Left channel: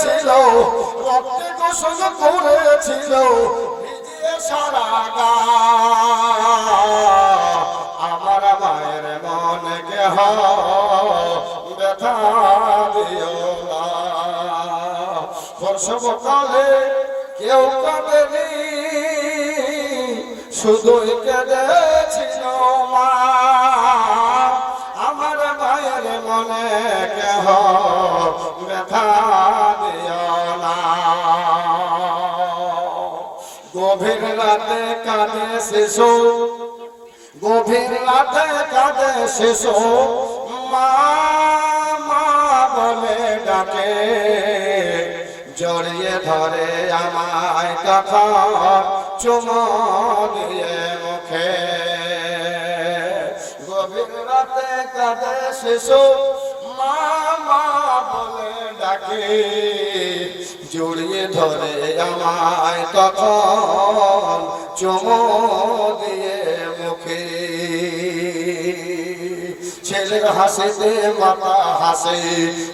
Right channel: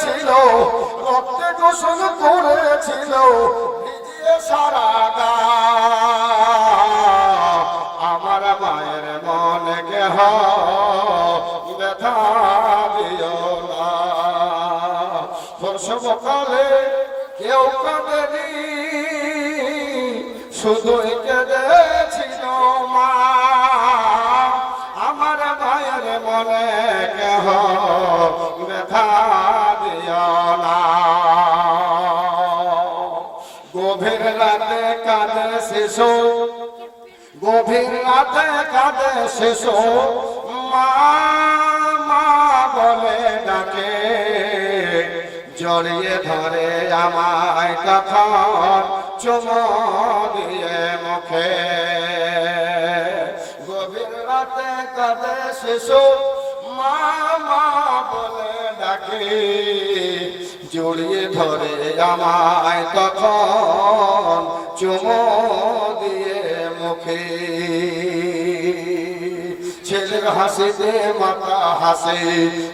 করেছিল, রক্তে গোসল করেছিল, ভিজিয়ে সারা গা। আমার মায়ের মনে কেহ ব্যথা দিও না। প্রসবকালে কেউ কাঁদেনি, শুধুই কেঁদেছিল মা। আমার মায়ের মনে কেহ ব্যথা দিও না। গভীর রাতে কাঁদে শিশু, গভীর রাতে কাঁদে শিশু, মা মা বলে ডাকে। জড়িয়ে ধরে আমায় তখন চুমো দিয়ে মুখে। গভীর রাতে কাঁদে শিশু, মা মা বলে ডাকে। জড়িয়ে ধরে আমায় তখন চুমো দিয়ে মুখে। ছেলের হাসিতে মাতা হাসে,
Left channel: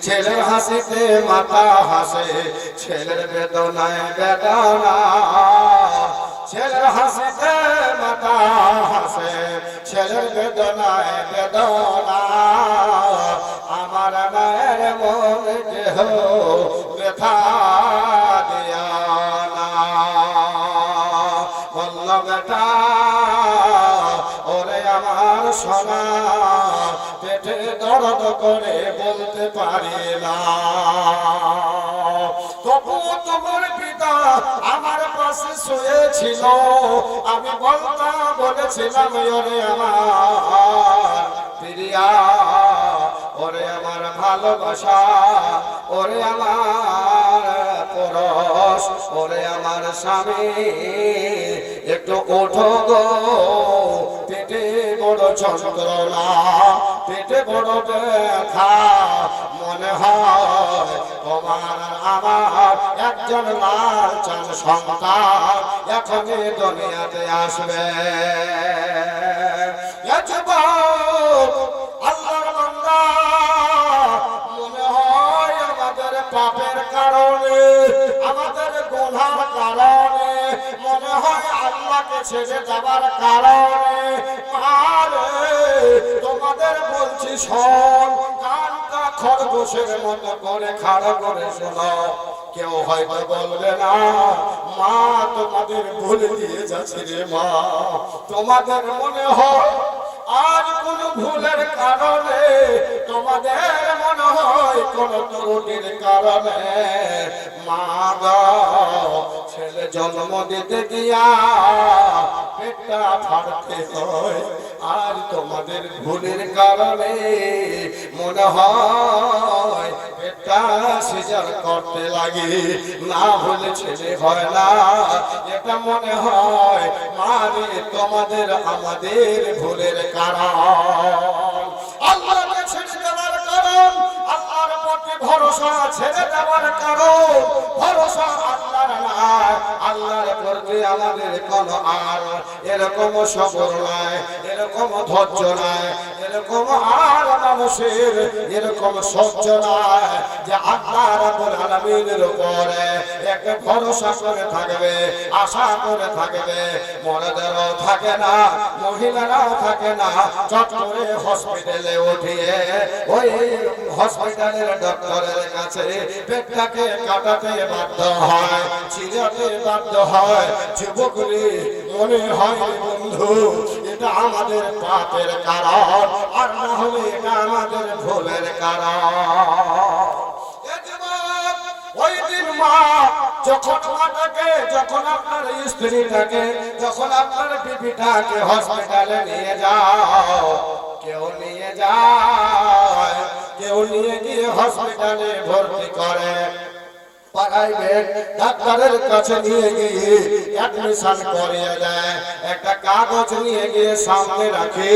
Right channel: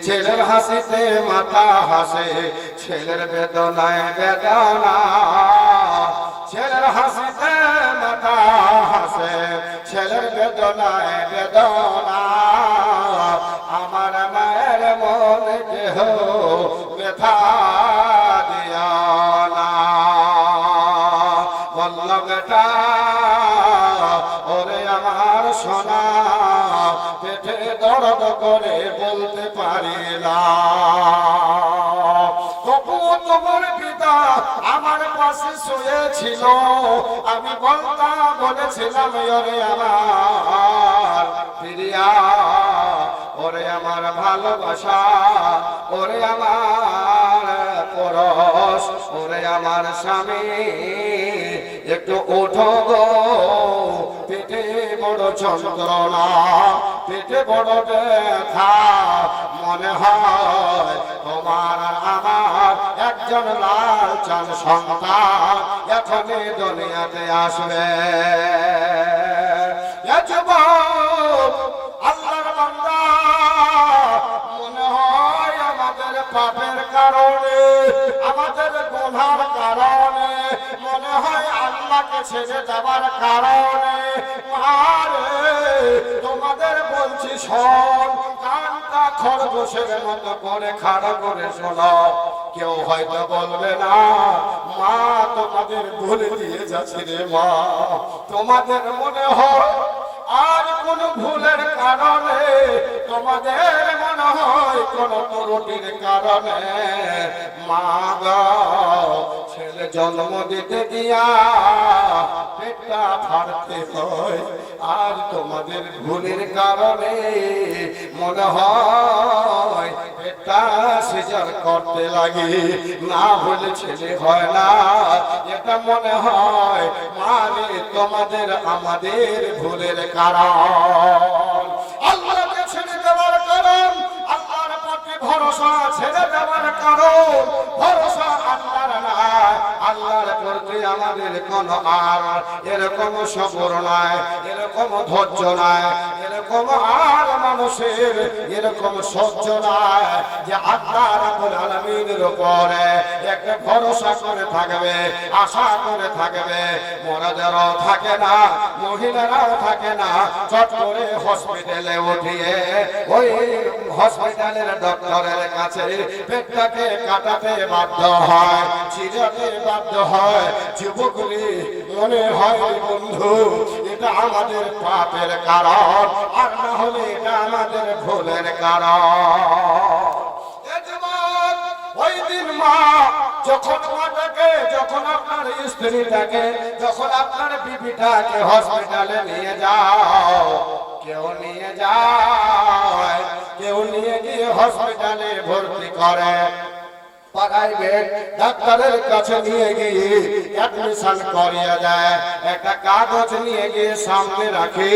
ছেলের হাসিতে মাতা হাসে, ছেলের বেদনায় বেদনা। ছেলের হাসিতে মাতা হাসে, ছেলের বেদনায় বেদনা। আমার মায়ের মনে কেহ ব্যথা দিও না। বলল বেটা ওরে আমার সোনা, পেটে দর্দ করে বলতে পারি না। তবু তোমার পিতা আমার পাশে শুয়েছিল, আমি বলেছিলাম ওরে আমার প্রিয়া, ওরে আমার ভালোবাসা, ওরে আমার পরশ, ওরে আমার স্বামী, একটু ওঠো গো। পেটে বড় যন্ত্রণা, পেটে বড় ব্যথা, মনে হয় তোমার আমার একজন লাল চাঁদ সন্তান এখনই দুনিয়াতে আসবে। আল্লাহর বান্দা, মনে হয় আমাদের পাপের কারণে, আমাদের গুনার কারণে, মনে হয় আল্লাহকে ছেড়ে যাবার কারণে, আরে তোমাদের বলছি শোন, কানটা খরগোশের মতো করে খাড়া করে শোনো। কেউ হয়তো বলবে না মা তোমাদের ভুলে দিয়ে যাচ্ছে রে মা, তোমাদের মনে হয় আর কোন ভুলের কারণে, তোমাদের মনে হয় কোন ত্রুটির কারণে মা গো ছেলে জন্ম দিতে গিয়া পেটটা ফাড়তে হয়। আর তোমাদের ভুলের কারণে মনে হয় পেটটা সিজার করতে লাগে। না হলে ছেলে হয় না, এটা মনে হয় মানে তোমাদের আমাদের ভুলের কারণ। আল্লাহকে ছেড়ে দেওয়ার কারণ, আল্লাহর প্রতি ভরসা ছেড়ে দেওয়ার কারণ, ভরসা আল্লাহর না, আল্লাহর প্রতি আমাদের কোন আর এরকম সবর নাই, এরকম ধৈর্য নাই, এরকম আর মানুষের এরকম সহ্য নাই যে আল্লাহ রাব্বুল আলামিনের উপরে একটা ভরসা করে থাকবে, আশা করে থাকবে। মহিলাদেরও থাকে না, মহিলারাও থাকে না, চট করে হসপিটালে উঠিয়ে ওই হসপিটালের ডক্টরের কাছে পেটটাকে কাটাতে বাধ্য হয়, চিরাতে বাধ্য হয়। যুবকরি মনে হয় বন্ধু এটা আমাদের পাপের কারণ, আর না হলে এটা আমাদের ভুলের কারণ। ওই দিন মা যখন মাটাকে, যখন আপনার স্ত্রীটাকে, যখন আপনার বিবিটাকে হসপিটালে নিয়ে যাও, কেউ নিয়ে যায়, কেউ নিয়ে গিয়ে হসপিটালে ভর্তি করে, প্রাইভেট ডাক্তারের কাছে নিয়ে গিয়ে অ্যাডমিশন করিয়ে দেয়। একটা কাগজ নিয়ে গিয়ে সামনে রাখি,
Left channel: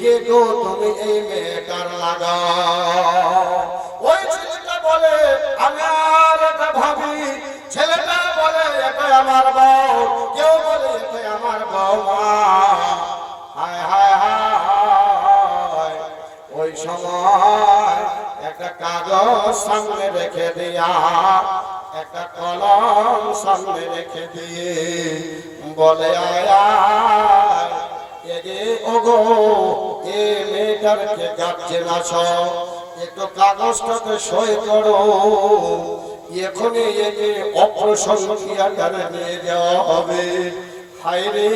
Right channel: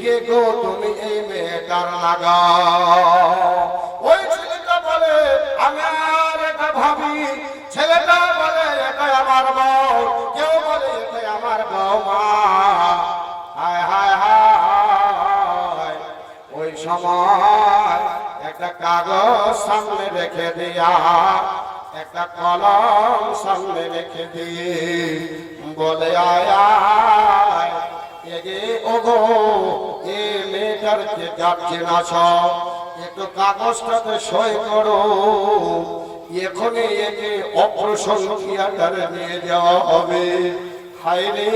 কে গো তুমি এই মেয়েটার লাগা। ওই ছেলেটা বলে আমি আর এটা ভাবি, ছেলেটা বলে এটা আমার বউ, কেউ বলে এটা আমার বৌমা। হায় হায় হায়, ওই সময় একটা কাগজ সামনে রেখে দিয়া একটা কলম সামনে রেখে দিয়ে বলে আয়া এগে ওগো এ মেয়েটারকে গার্জেন আছো, একটু কাগজটাতে সই করো, এখনই একে অপারেশন থিয়েটারে নিয়ে যাওয়া হবে। হায় রে,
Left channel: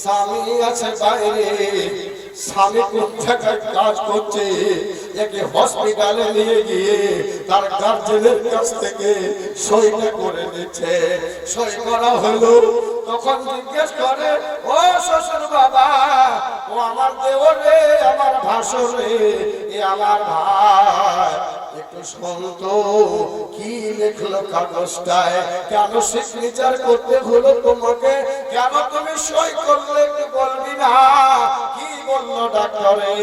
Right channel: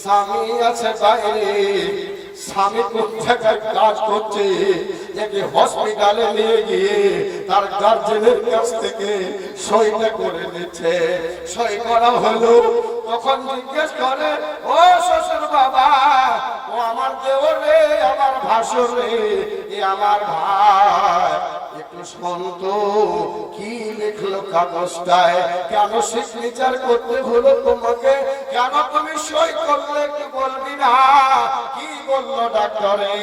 স্বামী আছে বাইরে, স্বামী কোন জায়গায় কাজ করছে, একে হসপিটালে নিয়ে গিয়ে তার গার্জেনের কাছ থেকে সইটা করে নিচ্ছে। সই করা হলো, তখন জিজ্ঞেস করে ও শ্বশুর বাবা, ও আমার দেওর রে, আমার ভাসুর রে, এ আমার ভাই, একটু শুনতো কি লিখলো কাগজটায়, কেন সিগনেচার করতে হলো তোমাকে, কেন তুমি সই করলে একটু বলবি না? কি বললো ডাক্তারে?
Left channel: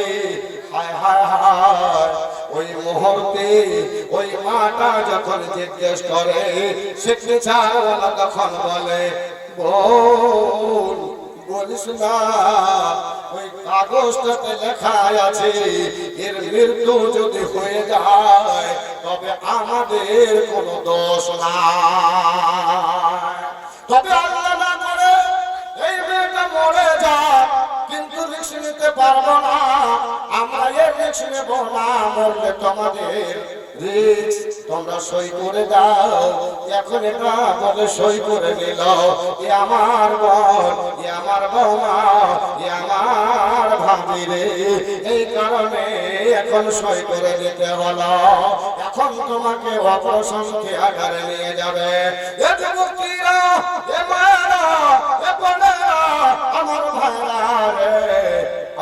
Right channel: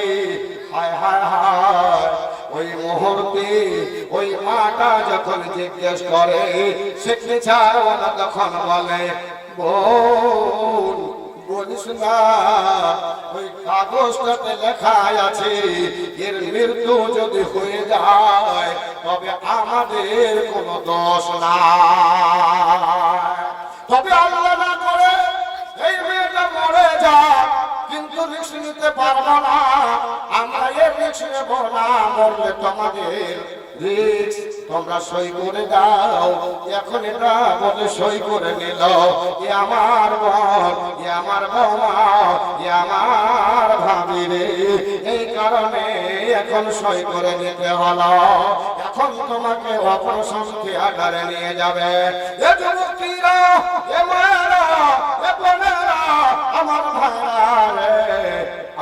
হায় হায় হায়, ওই মুহূর্তে ওই মাটা যখন জিজ্ঞেস করে সিগনেচার ওলা তখন বলে বোন বলিস না, ওই কাগজটাতে লেখা আছে এর মৃত্যু যদি হয়ে যায় তবে আমাদের কোনো দোষ নাই, তবে আল্লাহ না করে এই মেয়েটা মরে যাক, কিন্তু রিস্ক নিতে পারবো না, আমরা এর রিস্ক নেব না, মরলে তোমাদের রিস্ক, তোমরা সই করে দাও। এখন এটা আমাদের সই করে নিল, এ আমার বোন, এ আমার বৌমা, এ আমার ভাবি রে, এই কারণে এখন সই করে নিতে হলো। এখন তোমাকে অপারেশন থিয়েটারে নিয়ে যাবে। এ যুবতীরা, এ মায়েরা, এ বোনেরা, আমার ভাইরা রে,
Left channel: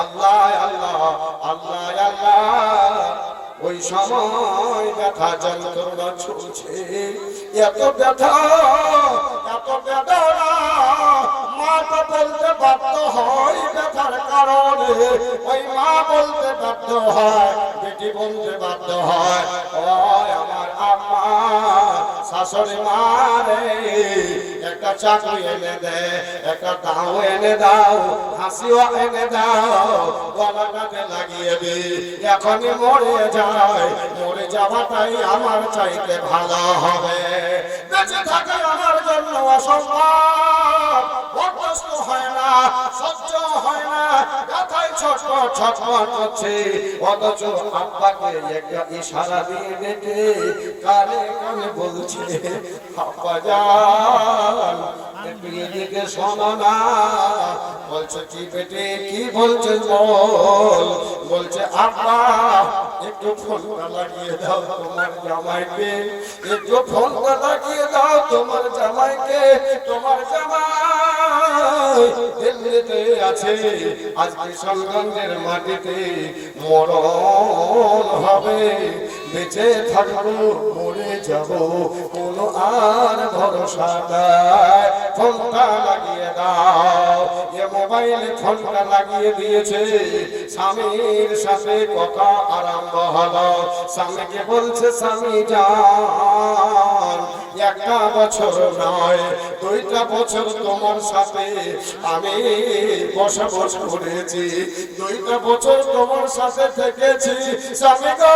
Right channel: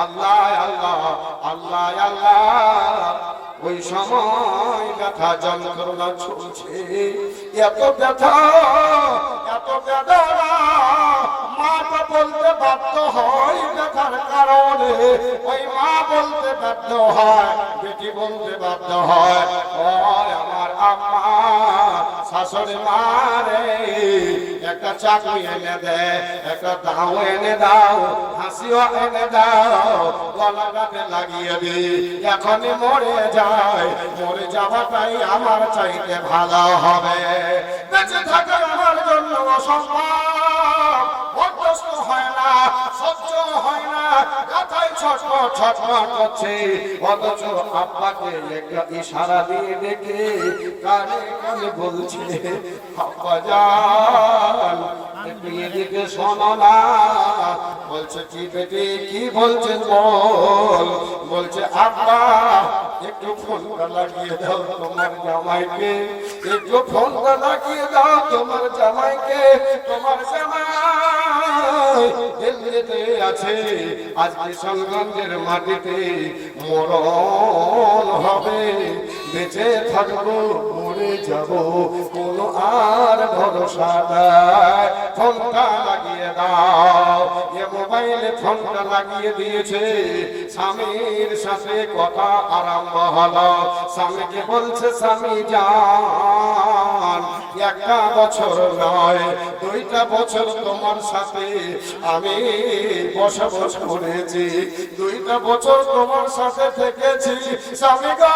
আল্লাহ আল্লাহ আল্লাহ আল্লাহ, ওই সময় ব্যথা যন্ত্রণা চলছে, এত ব্যথা এত বেদনা, মাটা বলতে বাধ্য হয় ব্যথার কারণে, ওই মা বলতে বাধ্য হয়, বেটি বলতে বাধ্য হয়, ও আমার আম্মা, শাশুড়ি মা রে, একটা চাকরি এনে দে, একটা দাও এনে দাও, হাসিও এনে দাও, গলাটাতে লাগিয়ে দি, এখনই মরে যায়, মরে যাওয়াটাই আমার চাইতে ভালো হবে, বেঁচে থাকে আমার জন্য অসম্ভব, বরদাস্ত হয় না, সহ্য হয় না, ব্যথায় ছটফট ছটফট করছে, অথচ আব্বাকে একটা ইশারা দিয়ে ডেকে কানে কানে বলছে আব্বা জান একটু এদিকে শোনো না, বলছে কি বেটে কি বলছে বল, বলছে আব্বা একটু ফোনটা লাগিয়ে দাও তোমার জামাইকে, একটু ফোনটা লাগিয়ে দাও তোমার জামাইকে, তোমার জামাই দিল্লিতে আছে, আজকে সলগঞ্জের মাটিতে মরণ হবে, বেঁচে থাকবো মরে যাব কোনো আর ভরসা নাই, ফোনটা লাগিয়ে দাও। এ মোবাইলে ফোনটা লাগিয়ে দিয়েছে, স্বামীর সাথে কথা আরম্ভ হলো, স্বামীকে বলছে স্বামী জান একটা বছর নয় 2টা বছর তোমার সাথে আমি বসবাস করেছি, 2টা বছর তোমার সাথে থেকেছি, স্বামী গো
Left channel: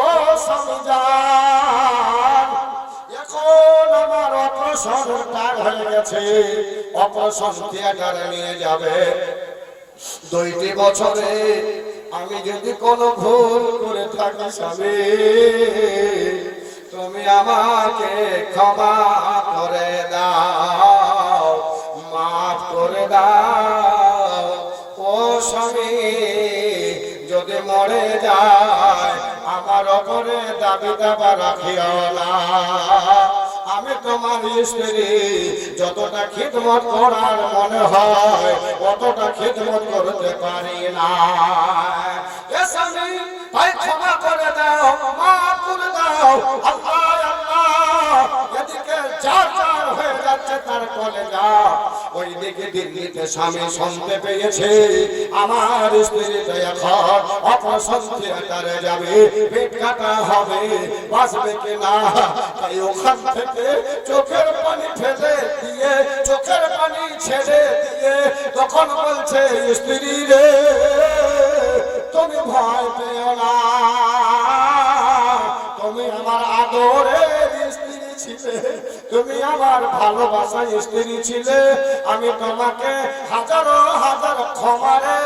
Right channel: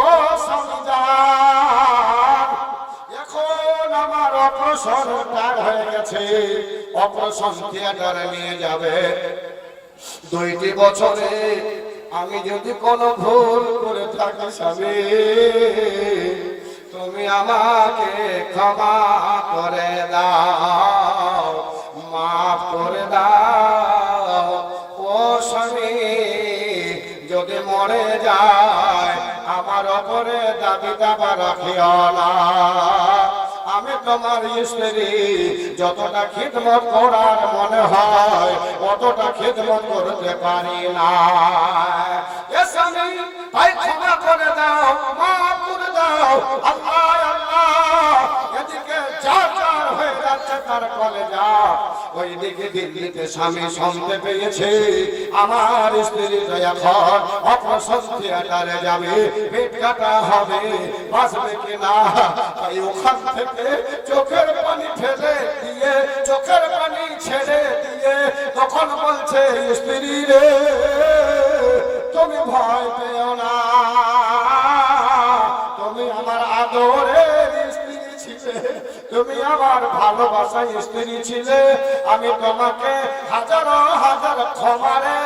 ও স্বামী জান, এখন আমার অপারেশন হয়ে গেছে, অপারেশন থিয়েটারে নিয়ে যাবে, 2টি বছরে আমি যদি কোনো ভুল করে থাকি স্বামী তুমি আমাকে ক্ষমা করে দাও, মাফ করে দাও, ও স্বামী যদি মরে যায় আমার ওপরে দাবি দাবা রাখিও না, আমি তোমার স্ত্রী, যতটা খিদমত করার মনে হয় অতটা খিদমত করতে পারি না, তাই ক্ষমা করে দাও, মাফ করে দাও, আল্লাহ আল্লাহ, এদিকে চার চার হয়ে যাচ্ছে তার কলেজা, ওইদিকে দিল্লিতে স্বামী শুনতে পেয়েছে আমার স্ত্রী তো এখন অপারেশন থিয়েটারে যাবে, পেট কাটা হবে, বাঁচবে কিনা, তাই ওখান থেকে চোখের পানি ফেলে দিয়ে, চোখের পানি ছেড়ে দিয়ে তখন বলছে স্ত্রী রে তুমি ভয় পেও না, তুমি আদরের স্ত্রী ছিলে, তুমি আমার ভালোবাসার স্ত্রী ছিলে। আমি তোমাকে হাজার হাজার ক্ষমারে